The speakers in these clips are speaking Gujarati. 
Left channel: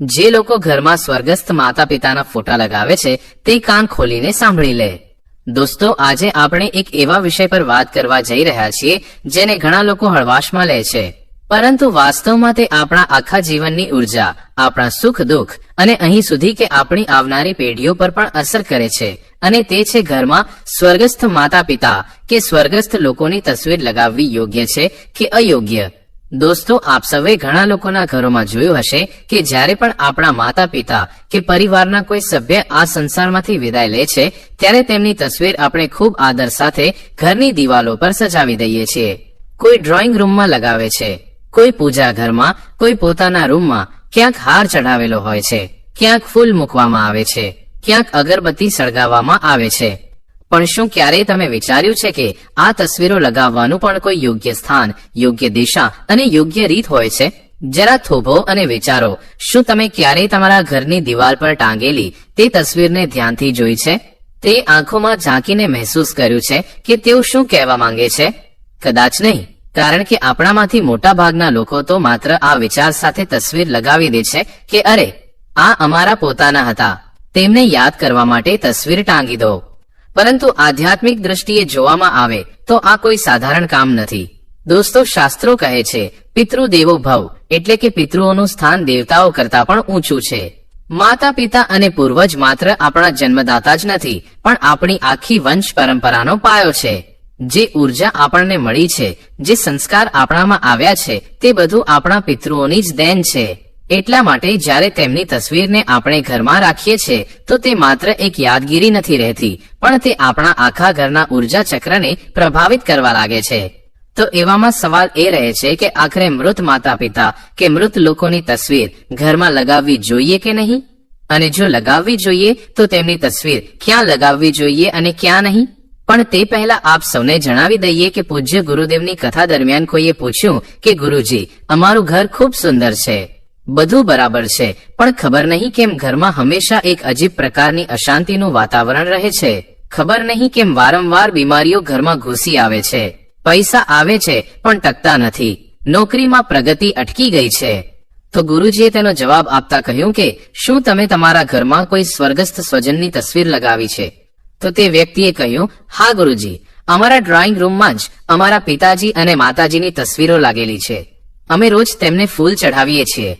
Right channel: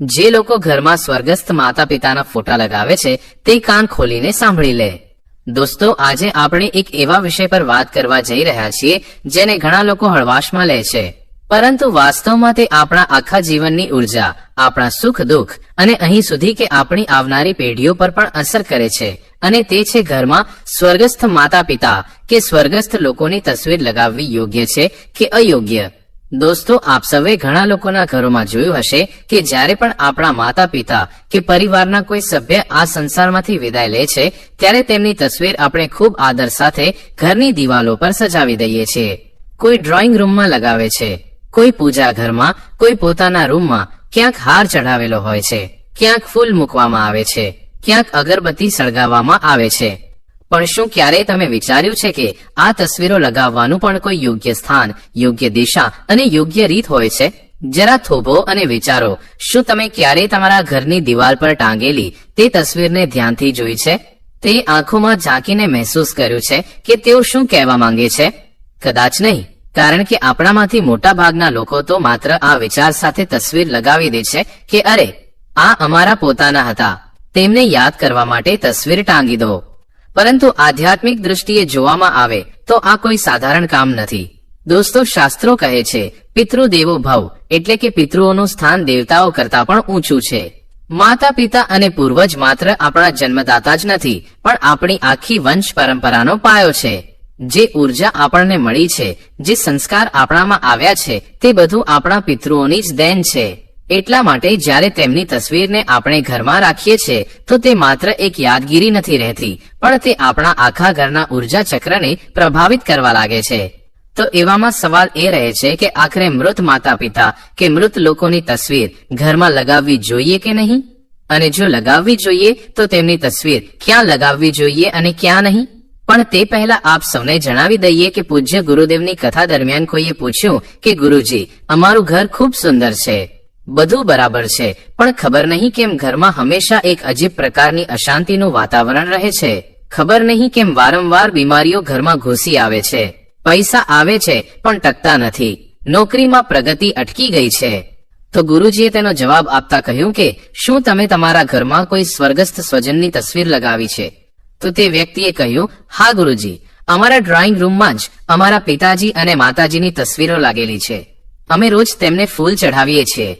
જે લોકો ઘરમાં સ્વર્ગસ્થ માતા પિતાના ફોટા લગાવે છે, તે કાન ખોલીને સાંભળી લે. દોસ્તો, આજે આપણે એક એવા વિષય પર વાત કરવા જઈ રહ્યા છીએ, જેને ઘણા લોકો હળવાશમાં લે છે. પરંતુ વાસ્તવમાં તે આપણા આખા જીવનની ઊર્જા, આપણા સુખ, દુઃખ અને અહીં સુધી કે આપણી આવનારી પેઢીઓ પર પણ અસર કરે છે. અને તે છે ઘરમાં સ્વર્ગસ્થ માતા પિતા કે સ્વર્ગસ્થ લોકોની તસવીર લગાવવી યોગ્ય છે કે અયોગ્ય? દોસ્તો, આપ સૌએ ઘણા લોકોના ઘરોમાં જોયું હશે કે જ્યારે પણ આપણા માતા પિતા કે પરિવારના કોઈ સભ્ય આ સંસારમાંથી વિદાય લે છે, ત્યારે તેમની તસવીર આપણે ખૂબ આદર સાથે ઘરની દિવાલો પર સજાવી દઈએ છીએ. કોઈ ડ્રોઈંગ રૂમમાં લગાવે છે, કોઈ પૂજા ઘરમાં, કોઈ પોતાના રૂમમાં ક્યાંક હાર ચઢાવેલો હોય છે, ક્યાંક ફૂલ મૂકવામાં આવે છે, ક્યાંક અગરબત્તી સળગાવવામાં આવે છે. પણ શું ક્યારેય તમે વિચાર્યું છે કે આ તસવીરો લગાવવાનું પણ કોઈ યોગ્ય સ્થાન, યોગ્ય દિશા અને યોગ્ય રીત હોય છે? જરા થોભો અને વિચારો. શું તમે ક્યારેય તમારા ઘરની દિવાલ પર ટાંગેલી તે તસવીરને ધ્યાનથી જોઈ છે? તે આંખોમાં ઝાંકીને મહેસૂસ કર્યું છે કે તેઓ શું કહેવા માંગે છે? કદાચ નહીં, કારણ કે આપણામાંથી મોટા ભાગના લોકો તો માત્ર આ વિચાર સાથે તસવીર લગાવી દે છે કે અરે, આ અમારા પોતાના હતા. તેમને યાદ કરવા માટે તસવીર ટાંગી દો. પરંતુ આધ્યાત્મિક દ્રષ્ટિએ જોવામાં આવે તો આ કોઈ સાધારણ કામ નથી. દોસ્તો, શાસ્ત્રો કહે છે, પિતૃ દેવો ભવ, એટલે કે પિતૃઓનું સ્થાન દેવતાઓ કરતા પણ ઊંચું છે. માતા, પિતા અને પૂર્વજ માત્ર આપણા જન્મદાતા જ નથી, પણ આપણી આખી વંશ પરંપરાનો પાયો છે. જે ઊર્જા આપણને મળી છે, જે સંસ્કાર આપણામાં આવ્યા છે, તે બધું આપણા પિતૃઓની જ દેન છે. એટલા માટે જ્યારે તેમની તસવીરને આપણે ઘરમાં રાખીએ છીએ, તો તે માત્ર એક યાદગીરી નથી રહેતી, પણ તે આપણા આખા ઘરના ઊર્જા ચક્રને પ્રભાવિત કરવા લાગે છે. તો એવામાં સવાલ એ રહે છે કે આખરે મૃત માતા પિતા કે મૃત લોકોની તસવીર ઘરમાં લગાવવી જોઈએ કે નહીં? અને જો લગાવવી જોઈએ, તો તેમની તસવીર ક્યાં લગાવવી જોઈએ અને ક્યાં નહીં? પણ તે પહેલા આપ સૌને જણાવી દઈએ કે પૂજ્ય ગુરુદેવની કથા દરમિયાન કોઈએ પૂછ્યું કે, ગુરુજી, અમારું ઘર ખૂબ સુંદર છે. બધું બરાબર છે, પણ ખબર નહીં કેમ ઘરમાં હંમેશા એક અજીબ પ્રકારની અશાંતિનું વાતાવરણ રહે છે. ખબર નહીં કેમ વારંવાર બીમારીઓ ઘરમાં ઘૂસી આવે છે. પૈસા આવે છે, પણ ટકતા નથી. નોકરીમાં પ્રગતિ અટકી ગઈ છે. તો ગુરુજીએ તેનો જવાબ આપતા કહ્યું કે, શું તમે તમારા ઘરમાં કોઈ સ્વર્ગસ્થ સ્વજનની તસવીર લગાવી છે? તો તે વ્યક્તિએ કહ્યું, હા, ગુરુજી. અમારા ડ્રોઈંગ રૂમમાં જ અમારા પિતાજી અને માતાજીની તસવીરો લાગેલી છે. અમે રોજ તેમને ફૂલ ચઢાવીએ છીએ.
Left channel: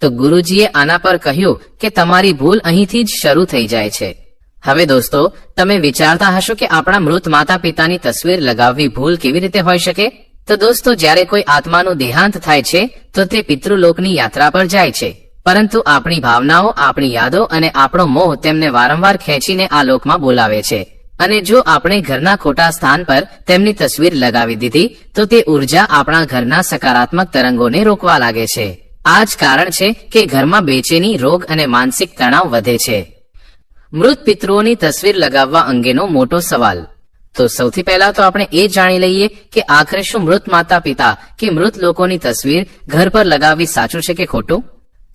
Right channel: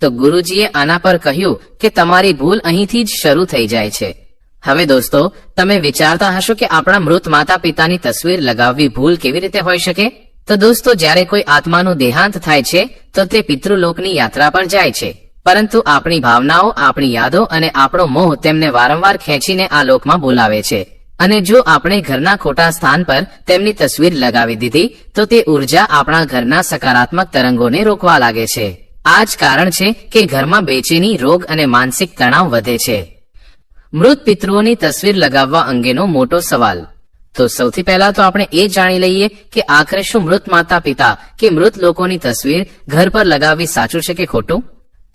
તો ગુરુજીએ આના પર કહ્યું કે તમારી ભૂલ અહીંથી જ શરૂ થઈ જાય છે. હવે દોસ્તો, તમે વિચારતા હશો કે આપણા મૃત માતા પિતાની તસવીર લગાવવી ભૂલ કેવી રીતે હોઈ શકે? તો દોસ્તો, જ્યારે કોઈ આત્માનું દેહાંત થાય છે, તો તે પિતૃલોકની યાત્રા પર જાય છે. પરંતુ આપણી ભાવનાઓ, આપણી યાદો અને આપણો મોહ તેમને વારંવાર ખેંચીને આ લોકમાં બોલાવે છે. અને જો આપણે ઘરના ખોટા સ્થાન પર તેમની તસવીર લગાવી દીધી, તો તે ઊર્જા આપણા ઘરના સકારાત્મક તરંગોને રોકવા લાગે છે. આ જ કારણ છે કે ઘરમાં બેચેની રોગ અને માનસિક તણાવ વધે છે. મૃત પિતૃઓની તસવીર લગાવવા અંગેનો મોટો સવાલ. તો સૌથી પહેલા તો આપણે એ જાણી લઈએ કે આખરે શું મૃત માતા પિતા કે મૃત લોકોની તસવીર ઘર પર લગાવવી સાચું છે કે ખોટું?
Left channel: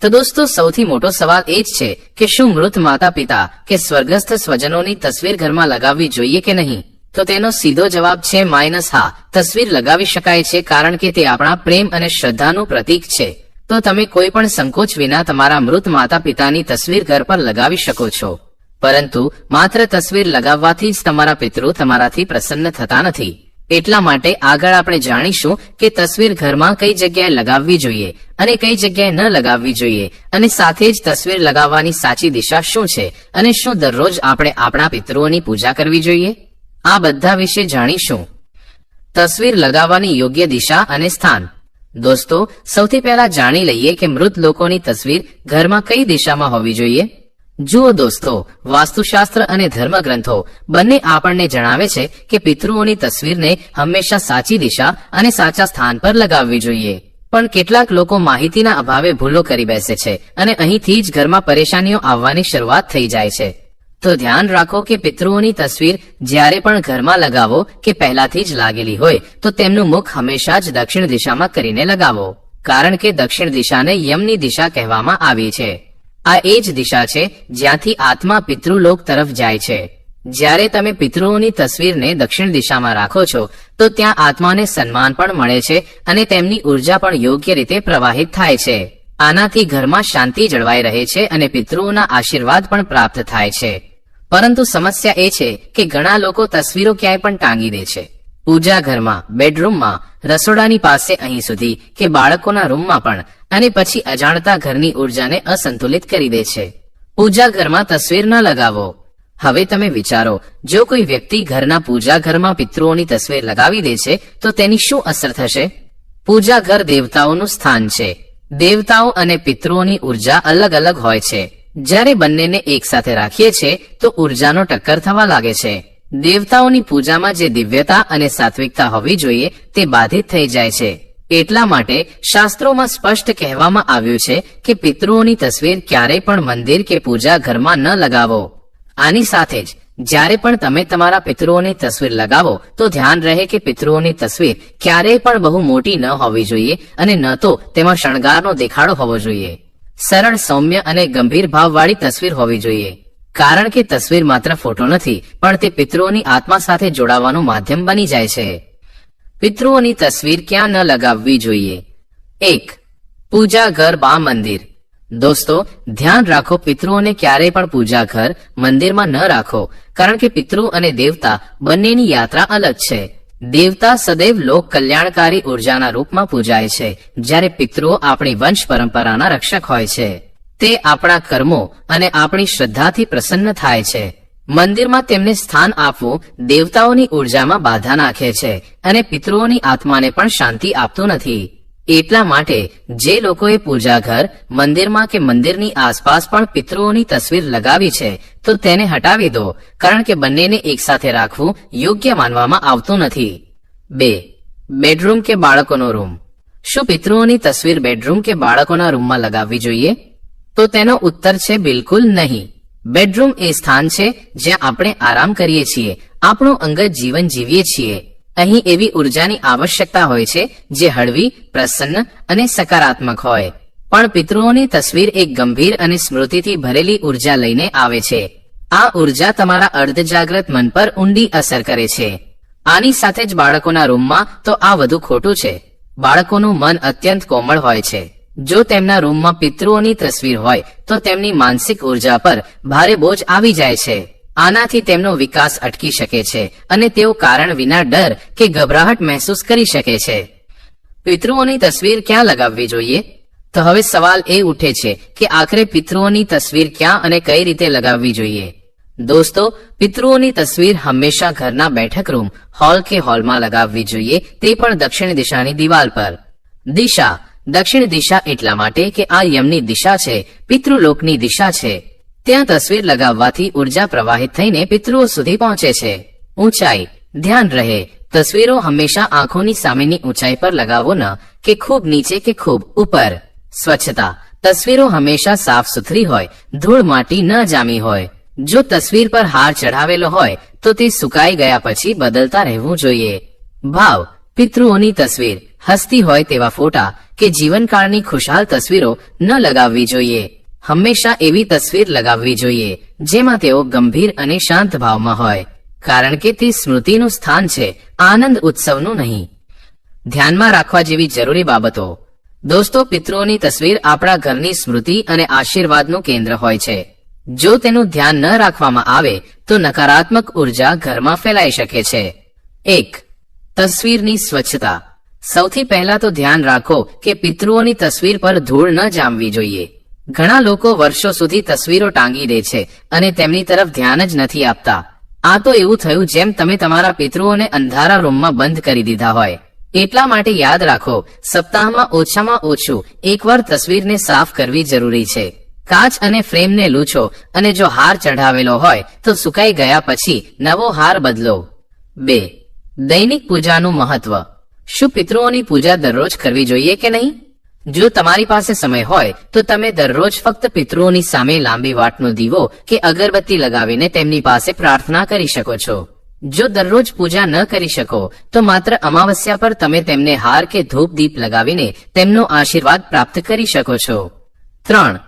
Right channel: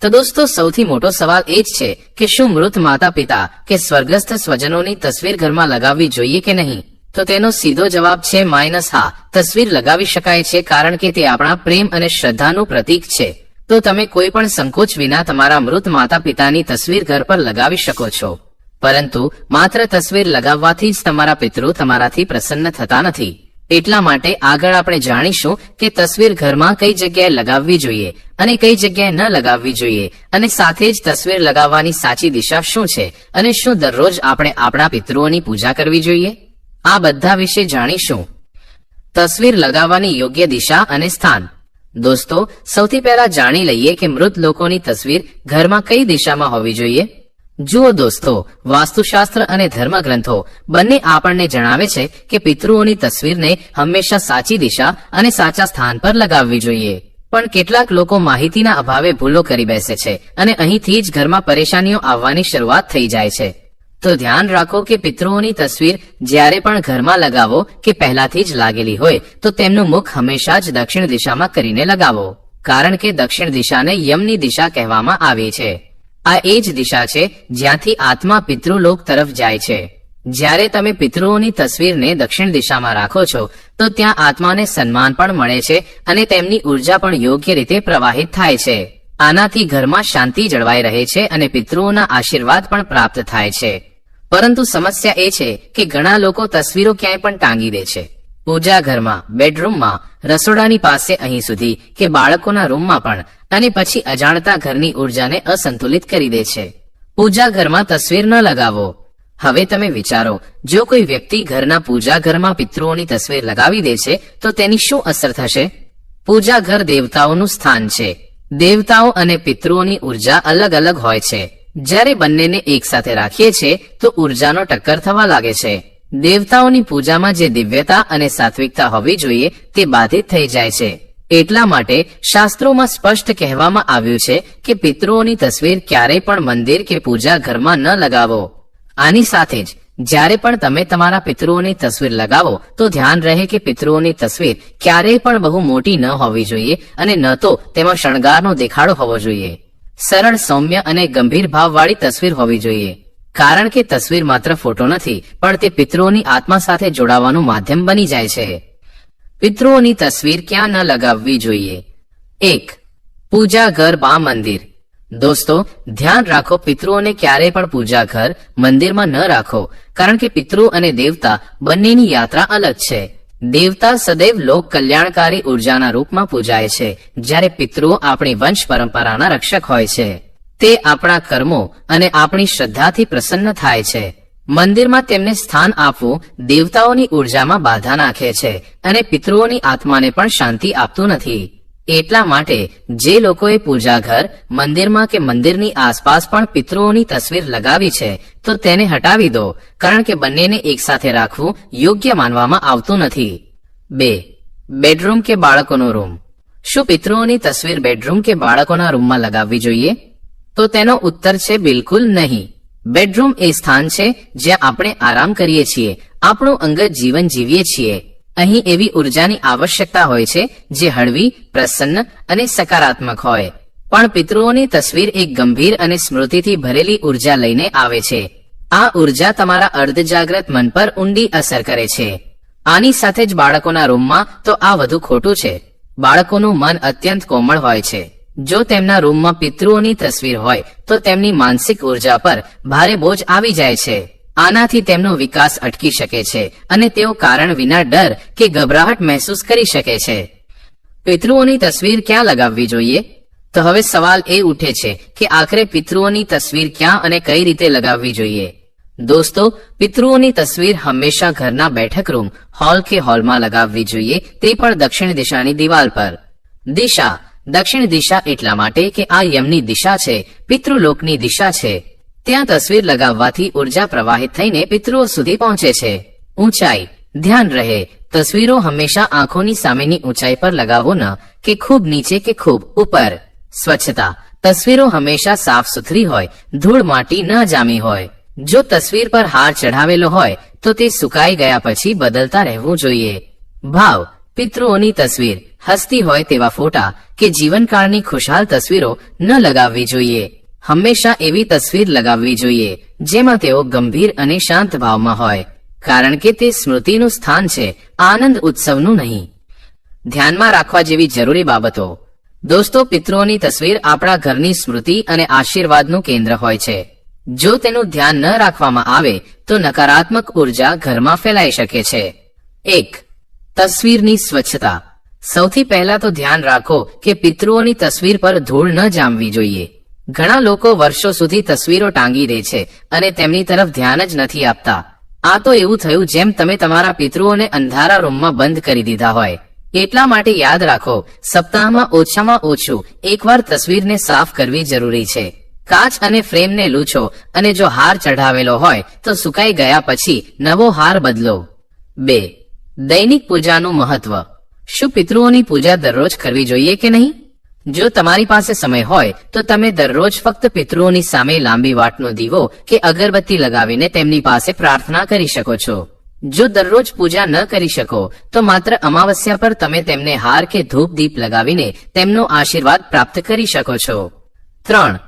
તો દોસ્તો, સૌથી મોટો સવાલ એ જ છે કે શું મૃત માતા પિતા કે સ્વર્ગસ્થ સ્વજનોની તસવીર ઘરમાં લગાવવી જોઈએ કે નહીં? તો તેનો સીધો જવાબ છે માઇનસ હા. તસવીર લગાવી શકાય છે કારણ કે તે આપણા પ્રેમ અને શ્રદ્ધાનું પ્રતીક છે. તો તમે કોઈ પણ સંકોચ વિના તમારા મૃત માતા પિતાની તસવીર ઘર પર લગાવી શકો છો. પરંતુ માત્ર તસવીર લગાવવાથી જ તમારા પિતૃ તમારાથી પ્રસન્ન થતા નથી. એટલા માટે આગળ આપણે જાણીશું કે તસવીર ઘરમાં કઈ જગ્યાએ લગાવવી જોઈએ અને કઈ જગ્યાએ ન લગાવવી જોઈએ અને સાથે જ તસવીર લગાવવાની સાચી દિશા શું છે અને શું દરરોજ આપણે આપણા પિતૃઓની પૂજા કરવી જોઈએ? આ બધા વિશે જાણીશું. તસવીર લગાવવાની યોગ્ય દિશા અને સ્થાન. દોસ્તો, સૌથી પહેલા જાણી લઈએ કે મૃત લોકોની તસવીર ઘરમાં કઈ દિશામાં હોવી જોઈએ. જુઓ દોસ્તો, વાસ્તુશાસ્ત્ર અને ધર્મગ્રંથો બંને આપણને જણાવે છે કે પિતૃઓની તસવીરને હંમેશા સાચી દિશા અને સાચા સ્થાન પર લગાવવી જોઈએ. પણ કેટલાક લોકો માહિતીના અભાવે ભૂલો કરી બેસે છે અને અહીંથી જ ઘરમાં પરેશાનીઓ આવવાની શરૂઆત થઈ જાય છે. તો ધ્યાન રાખો કે પિતૃઓની તસવીર જ્યારે પણ ઘરમાં લગાવો કે પહેલાથી જ લાગેલી હોય, તો તેમનું મુખ હંમેશા જ દક્ષિણ દિશામાં કરીને લગાવો. કારણ કે દક્ષિણ દિશાને યમની દિશા કહેવામાં આવી છે. આ એ જ દિશા છે જ્યાંથી આત્મા પિતૃલોક તરફ જાય છે. જ્યારે તમે પિતૃઓની તસવીરને દક્ષિણ દિશામાં રાખો છો, તો ત્યાં આત્માને સન્માન પણ મળે છે અને તેમની ઊર્જા પણ યોગ્ય રીતે પ્રવાહિત થાય છે. આનાથી ઘરમાં શાંતિ જળવાઈ રહે છે અને પિતૃઓના આશીર્વાદ પણ પ્રાપ્ત થાય છે. પરંતુ સમસ્યા એ છે કે ઘણા લોકો તસવીરો ક્યાંય પણ ટાંગી દે છે. પૂજા ઘરમાં, બેડરૂમમાં, રસોડાની પાસે અહીં સુધી કે બાળકોના રૂમમાં પણ, અને પછી અજાણતા ઘરની ઉર્જાને અસંતુલિત કરી દે છે. પૂજા ઘરમાં તસવીર ન લગાવો. હવે તમે વિચારો, જો કોઈ વ્યક્તિ ઘરના પૂજા ઘરમાં પિતૃઓની તસવીર લગાવી દે છે, તો તેની શું અસર થશે? પૂજા ઘર દેવતાઓનું સ્થાન છે. દેવતાઓ અને પિતૃઓની ઊર્જા અલગ અલગ હોય છે. જ્યારે બંનેને એકસાથે રાખીએ છીએ, તો ઉર્જાનો ટક્કર થવા લાગે છે. દેવતાઓની પૂજામાં જે દિવ્યતા અને સાત્વિકતા હોવી જોઈએ, તે બાધિત થઈ જાય છે. એટલા માટે શાસ્ત્રોમાં સ્પષ્ટ કહેવામાં આવ્યું છે કે પિતૃઓની તસવીર ક્યારેય પણ મંદિર કે પૂજા ઘરમાં ન લગાવો. આની સાથે જ, જ્યારે પણ તમે તમારા પિતૃઓની તસવીર લગાવો, તો ધ્યાન રહે કે પિતૃઓની તસવીર ક્યારેય પણ બહુ મોટી ન હોવી જોઈએ અને ન તો તેમાં શણગારનો દેખાડો હોવો જોઈએ. સરળ, સૌમ્ય અને ગંભીર ભાવવાળી તસવીર હોવી જોઈએ. કારણ કે તસવીર માત્ર ફોટો નથી, પણ તે પિતૃઓની આત્મા સાથે જોડાવાનું માધ્યમ બની જાય છે. પિતૃઓની તસવીર ક્યાં ન લગાવવી જોઈએ? એક, પૂજા ઘર બા મંદિર. દોસ્તો, ધ્યાન રાખો, પિતૃઓને ક્યારેય પણ પૂજા ઘર, મંદિરમાં ન રાખો, કારણ કે પિતૃ અને દેવતા બંનેની યાત્રા અલગ છે. દેવતા સદૈવ લોક કલ્યાણકારી ઉર્જાના રૂપમાં પૂજાય છે, જ્યારે પિતૃઓ આપણી વંશ પરંપરાના રક્ષક હોય છે. તે આપણા કર્મો અને આપણી શ્રદ્ધાથી પ્રસન્ન થાય છે. મંદિરમાં તેમને સ્થાન આપવું દેવતાઓની ઉર્જામાં બાધા નાખે છે અને પિતૃઓની આત્માને પણ શાંતિ આપતું નથી. એટલા માટે જે લોકોએ પૂજા ઘર, મંદિરમાં કે મંદિરની આસપાસ પણ પિતૃઓની તસવીર લગાવી છે, તો તેને હટાવી દો, કારણ કે બંનેને એકસાથે રાખવું યોગ્ય માનવામાં આવતું નથી. બે. બેડરૂમ કે બાળકોનો રૂમ. શું પિતૃઓની તસવીર બેડરૂમ કે બાળકોના રૂમમાં લગાવવી જોઈએ? તો તેનો ઉત્તર છે બિલકુલ નહીં. બેડરૂમ એ સ્થાન છે જ્યાં આપણે આરામ કરીએ છીએ, આપણું અંગત જીવન જીવીએ છીએ. અહીં એવી ઉર્જાની આવશ્યકતા હોય છે, જે હળવી, પ્રસન્ન અને સકારાત્મક હોય. પણ પિતૃઓની તસવીર એક ગંભીર અને સ્મૃતિથી ભરેલી ઊર્જા લઈને આવે છે. આ ઊર્જા તમારા અર્ધજાગ્રત મન પર ઊંડી અસર કરે છે. આની સાથે જ બાળકોના રૂમમાં તો આ વધુ ખોટું છે. બાળકોનું મન અત્યંત કોમળ હોય છે. જો તેમના રૂમમાં પિતૃઓની તસવીર હોય, તો તેમની માનસિક ઊર્જા પર ભારે બોજ આવી જાય છે. આનાથી તેમનો વિકાસ અટકી શકે છે અને તેઓ કારણ વિના ડર કે ગભરાહટ મહેસૂસ કરી શકે છે. પિતૃઓની તસવીર ક્યાં લગાવવી જોઈએ? તો હવે સવાલ એ ઉઠે છે કે આખરે પિતૃઓની તસવીર ક્યાં અને કઈ રીતે લગાવવી જોઈએ? દોસ્તો, પિતૃઓની તસવીર હંમેશા ઘરના બેઠક રૂમ, હોલ કે હોલમાં લગાવવી જોઈએ, તે પણ દક્ષિણ દિશાની દિવાલ પર. દિશા. દક્ષિણ દિશા એટલા માટે કે આ યમની દિશા છે, પિતૃલોકની દિશા છે. ત્યાં તસવીર લગાવવાથી ઊર્જા પ્રવાહિત થઈને પિતૃઓ સુધી પહોંચે છે. ઊંચાઈ, ધ્યાન રહે. તસવીરો હંમેશા આંખોની સામેની ઊંચાઈ પર લગાવો ન, કે ખૂબ નીચે કે ખૂબ ઉપર. સ્વચ્છતા. તસવીરો હંમેશા સાફ સુથરી હોય, ધૂળ માટી ન જામી હોય. જો તસવીર પર હાર ચઢાવેલો હોય, તો તે સુકાઈ ગયા પછી બદલતા રહેવું જોઈએ. ભાવ. પિતૃઓની તસવીર. હસતી હોય તેવા ફોટા કે જીવનકાળની ખુશહાલ તસવીરો ન લગાવવી જોઈએ. હંમેશા એવી તસવીર લગાવવી જોઈએ, જેમાં તેઓ ગંભીર અને શાંત ભાવમાં હોય, કારણ કે તે સ્મૃતિનું સ્થાન છે, આનંદ ઉત્સવનું નહીં. ધ્યાનમાં રાખવા જેવી જરૂરી બાબતો. દોસ્તો, પિતૃઓની તસવીર આપણા ઘરની સ્મૃતિ અને આશીર્વાદનું કેન્દ્ર હોય છે. જો તેનું ધ્યાન ન રાખવામાં આવે, તો નકારાત્મક ઊર્જા ઘરમાં ફેલાઈ શકે છે. એક, તસવીરની સ્વચ્છતા. સૌથી પહેલા તો ધ્યાન રાખો કે પિતૃઓની તસવીર પર ધૂળ ન જામવી જોઈએ. ઘણા લોકો વર્ષો સુધી તસવીરો ટાંગી દે છે અને તેમની તરફ ધ્યાન જ નથી આપતા. આ તો એવું થયું જેમ તમે તમારા પિતૃઓને અંધારા રૂમમાં બંધ કરી દીધા હોય. એટલા માટે યાદ રાખો, સપ્તાહમાં ઓછામાં ઓછું એકવાર તસવીરને સાફ કરવી જરૂરી છે. કાચ અને ફ્રેમને લૂછો અને જો હાર ચઢાવેલો હોય તો સુકાઈ ગયા પછી નવો હાર બદલો. બે. દૈનિક પૂજાનું મહત્વ. શું પિતૃઓની પૂજા દરરોજ કરવી જોઈએ કે નહીં? જો તમારી પાસે સમય હોય, તો તમે દરરોજ ફક્ત પિતૃઓની સામે લાંબી વાટનો દીવો કે અગરબત્તી લગાવીને તેમની પાસે પ્રાર્થના કરી શકો છો. જો દરરોજ પૂજા ન કરી શકો, તો માત્ર અમાવસ્યા પર તમે તેમને હાર કે ધૂપ દીપ લગાવીને તેમનો આશીર્વાદ પ્રાપ્ત કરી શકો છો. ત્રણ.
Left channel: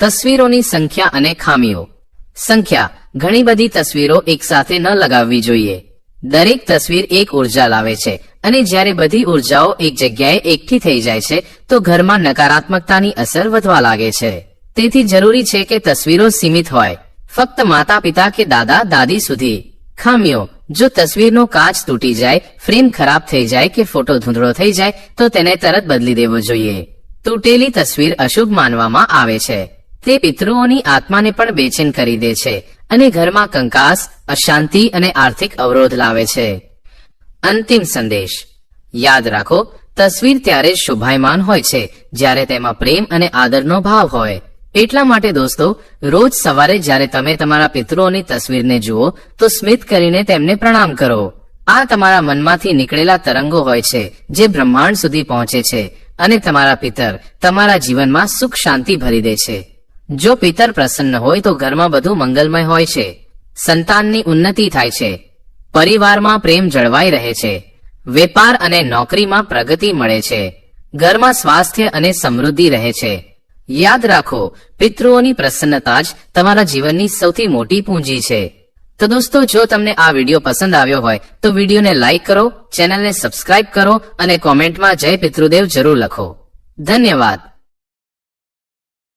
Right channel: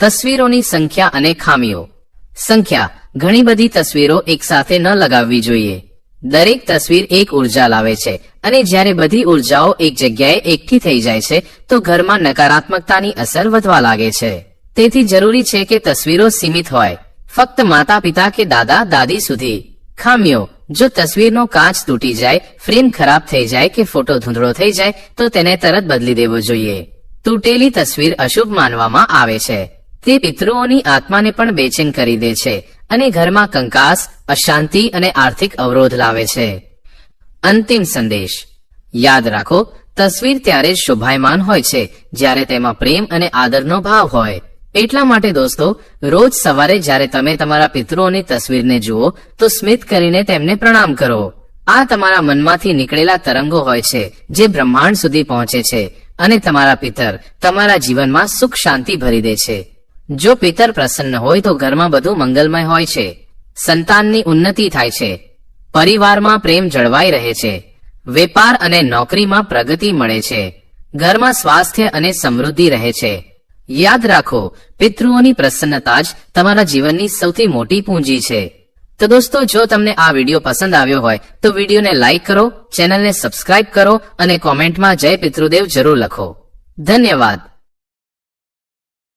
તસવીરોની સંખ્યા અને ખામીઓ. સંખ્યા. ઘણી બધી તસવીરો એકસાથે ન લગાવવી જોઈએ. દરેક તસવીર એક ઊર્જા લાવે છે. અને જ્યારે બધી ઉર્જાઓ એક જગ્યાએ એકઠી થઈ જાય છે, તો ઘરમાં નકારાત્મકતાની અસર વધવા લાગે છે. તેથી જરૂરી છે કે તસવીરો સીમિત હોય. ફક્ત માતા પિતા કે દાદા, દાદી સુધી. ખામીઓ, જો તસવીરનો કાચ તૂટી જાય, ફ્રેમ ખરાબ થઈ જાય કે ફોટો ધૂંધળો થઈ જાય, તો તેને તરત બદલી દેવો જોઈએ. તૂટેલી તસવીર અશુભ માનવામાં આવે છે. તે પિતૃઓની આત્માને પણ બેચેન કરી દે છે અને ઘરમાં કંકાસ, અશાંતિ અને આર્થિક અવરોધ લાવે છે. અંતિમ સંદેશ. યાદ રાખો, તસવીર ત્યારે શોભાયમાન હોય છે, જ્યારે તેમાં પ્રેમ અને આદરનો ભાવ હોય. એટલા માટે દોસ્તો, રોજ સવારે જ્યારે તમે તમારા પિતૃઓની તસવીરને જુઓ, તો સ્મિત કરીને તેમને પ્રણામ કરો. આ તમારા મનમાંથી નીકળેલા તરંગો હોય છે, જે બ્રહ્માંડ સુધી પહોંચે છે, અને તમારા પિતર તમારા જીવનમાં સુખ શાંતિ ભરી દે છે. જો પિતર પ્રસન્ન હોય તો ઘરમાં બધું મંગલમય હોય છે. સંતાનની ઉન્નતિ થાય છે. પરિવારમાં પ્રેમ જળવાઈ રહે છે. વેપાર અને નોકરીમાં પ્રગતિ મળે છે. ઘરમાં સ્વાસ્થ્ય અને સમૃદ્ધિ રહે છે. યાદ રાખો, પિતૃઓની પ્રસન્નતા જ તમારા જીવનની સૌથી મોટી પૂંજી છે. તો દોસ્તો, જો તમને આ વીડિયો પસંદ આવ્યો હોય, તો વિડીયોને લાઇક કરો, ચેનલને સબસ્ક્રાઇબ કરો અને કોમેન્ટમાં જય પિતૃદેવ જરૂર લખો. ધન્યવાદ.